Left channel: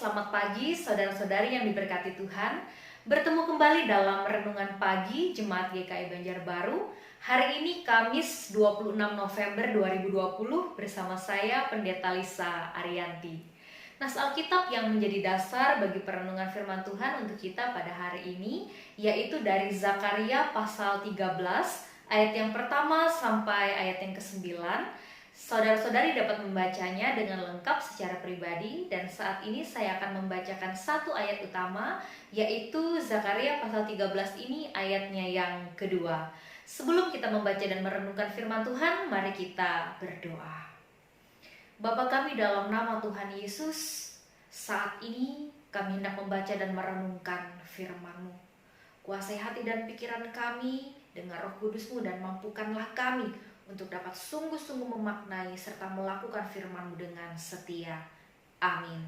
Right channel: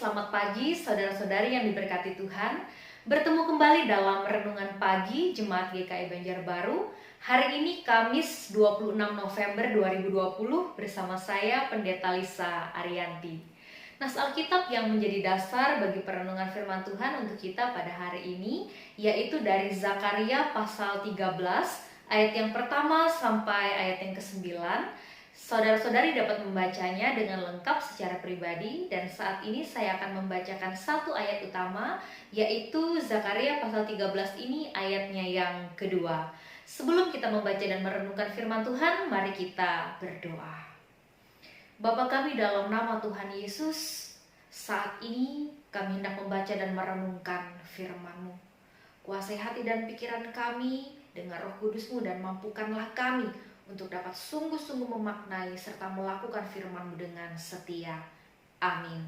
selamat pagi saudara-saudari yang diberkati Tuhan. Bertemu kembali dalam Renungan Pagi Jemaat GKI Banjarbaru. Hari ini Kamis 26 November 2020 bersama saya Pendeta Lisa Arianti. Nas Alkitab yang menjadi dasar bagi perenungan firman Tuhan untuk kita pada hari ini yaitu dari Zakaria pasal 13 ayat yang pertama sampai ayat yang ke-9. Saudara-saudari dapat membacanya dengan lengkap secara pribadi dan saat ini saya akan membacakan satu ayat utama yaitu Zakaria pasal 13 ini ayatnya yang kedua. Sebelum kita membaca dan merenungkan firman Tuhan, mari kita berdoa. Bapa kami dalam nama Tuhan Yesus, saat ini kami hendak membaca dan merenungkan firman-Mu. Kuasai hati dan pikiran kami dengan Roh Kudus-Mu dan mampukanlah kami untuk dapat sungguh-sungguh memaknai serta melakukan firman-Mu dengan setia. Amin.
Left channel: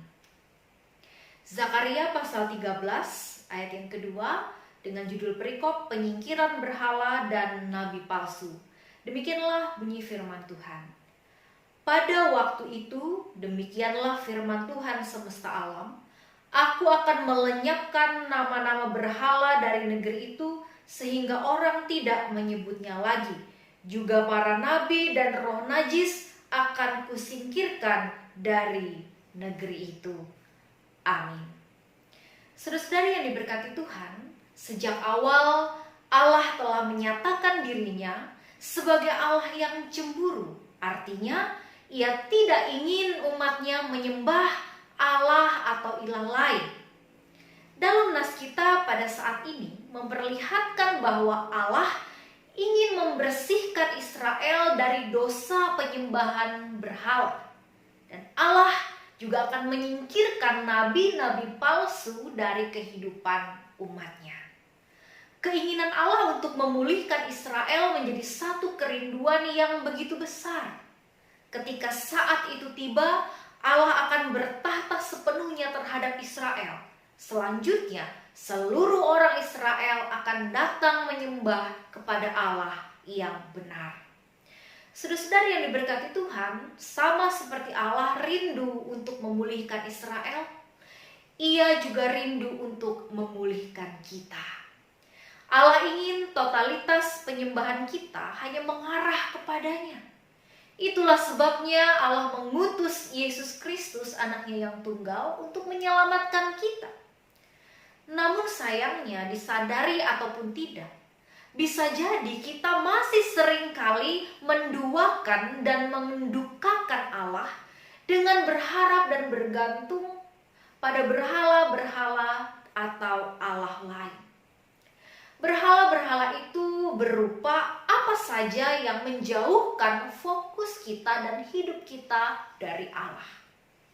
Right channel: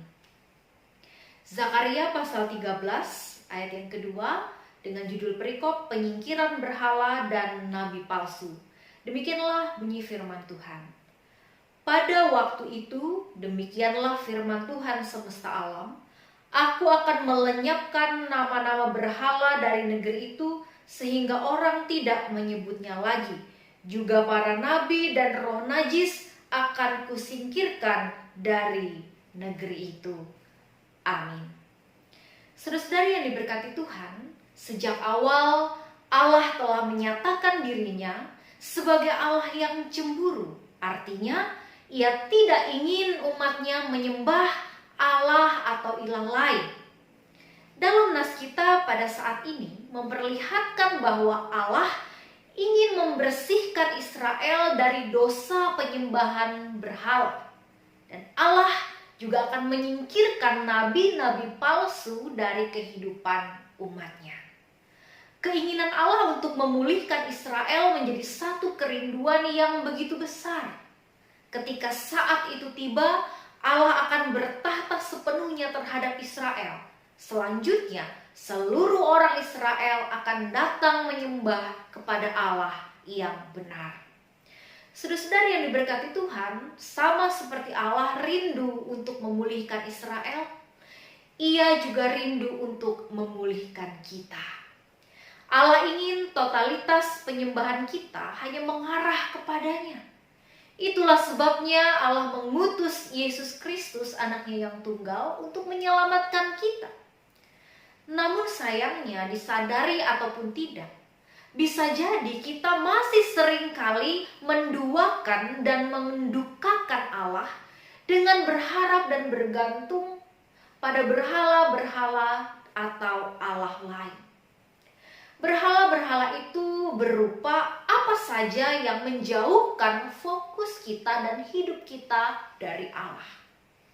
Zakaria pasal 13 ayat yang kedua dengan judul perikop penyingkiran berhala dan nabi palsu. Demikianlah bunyi firman Tuhan. Pada waktu itu, demikianlah firman Tuhan semesta alam. Aku akan melenyapkan nama-nama berhala dari negeri itu sehingga orang tidak menyebutnya lagi. Juga para nabi dan roh najis akan kusingkirkan dari negeri itu. Amin. Saudara-saudari yang diberkati Tuhan, sejak awal Allah telah menyatakan dirinya sebagai Allah yang cemburu. Artinya, Ia tidak ingin umatnya menyembah Allah atau ilah lain. Dalam nas kita pada saat ini memperlihatkan bahwa Allah ingin membersihkan Israel dari dosa penyembahan berhala. Dan Allah juga akan menyingkirkan nabi-nabi palsu dari kehidupan umatnya. Keinginan Allah untuk memulihkan Israel menjadi satu kerinduan yang begitu besar. Ketika saat itu tiba, Allah akan bertahta sepenuhnya terhadap Israel. Selanjutnya, seluruh orang Israel akan datang menyembah kepada Allah yang benar. Saudara-saudari yang diberkati Tuhan, sama seperti Allah rindu untuk memulihkan Israel, Ia juga rindu untuk memulihkan kita. Allah ingin totalitas penyembahan kita hanya mengarah kepadanya. Itulah sebabnya Allah mengutus Yesus Kristus, anaknya yang tunggal, untuk menyelamatkan kita. Namun sayangnya, disadari ataupun tidak, bisa jadi kita masih seringkali menduakan dan mendukakan Allah dengan berharap dan bergantung pada berhala-berhala atau Allah lain. Berhala-berhala itu berupa apa saja yang menjauhkan fokus kita dan hidup kita dari Allah.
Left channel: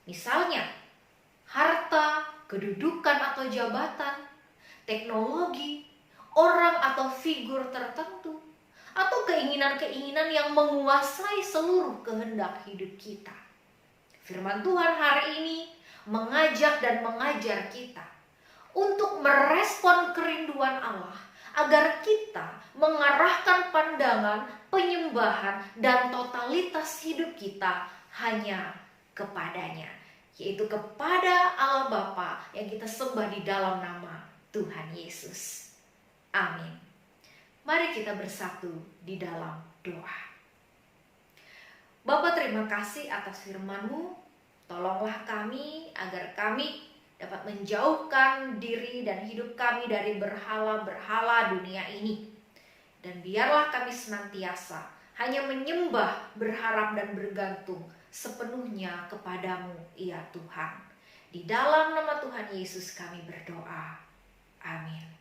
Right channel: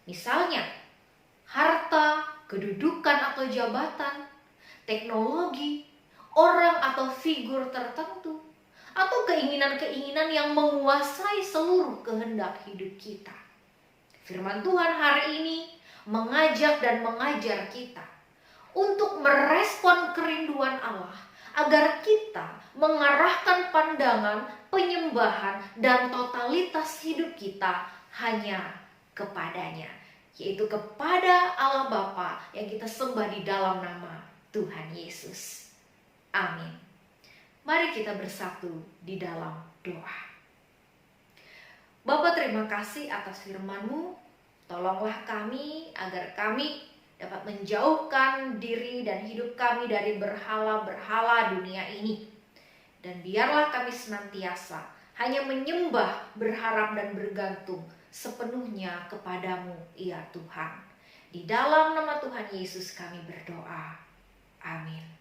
Misalnya, harta, kedudukan atau jabatan, teknologi, orang atau figur tertentu, atau keinginan-keinginan yang menguasai seluruh kehendak hidup kita. Firman Tuhan hari ini mengajak dan mengajar kita untuk merespon kerinduan Allah agar kita mengarahkan pandangan, penyembahan, dan totalitas hidup kita hanya kepadanya, yaitu kepada Allah Bapa yang kita sembah di dalam nama Tuhan Yesus. Amin. Mari kita bersatu di dalam doa. Bapa, terima kasih atas firman-Mu. Tolonglah kami agar kami dapat menjauhkan diri dan hidup kami dari berhala-berhala dunia ini. Dan biarlah kami senantiasa hanya menyembah, berharap dan bergantung sepenuhnya kepadamu, ya Tuhan. Di dalam nama Tuhan Yesus kami berdoa. Amin.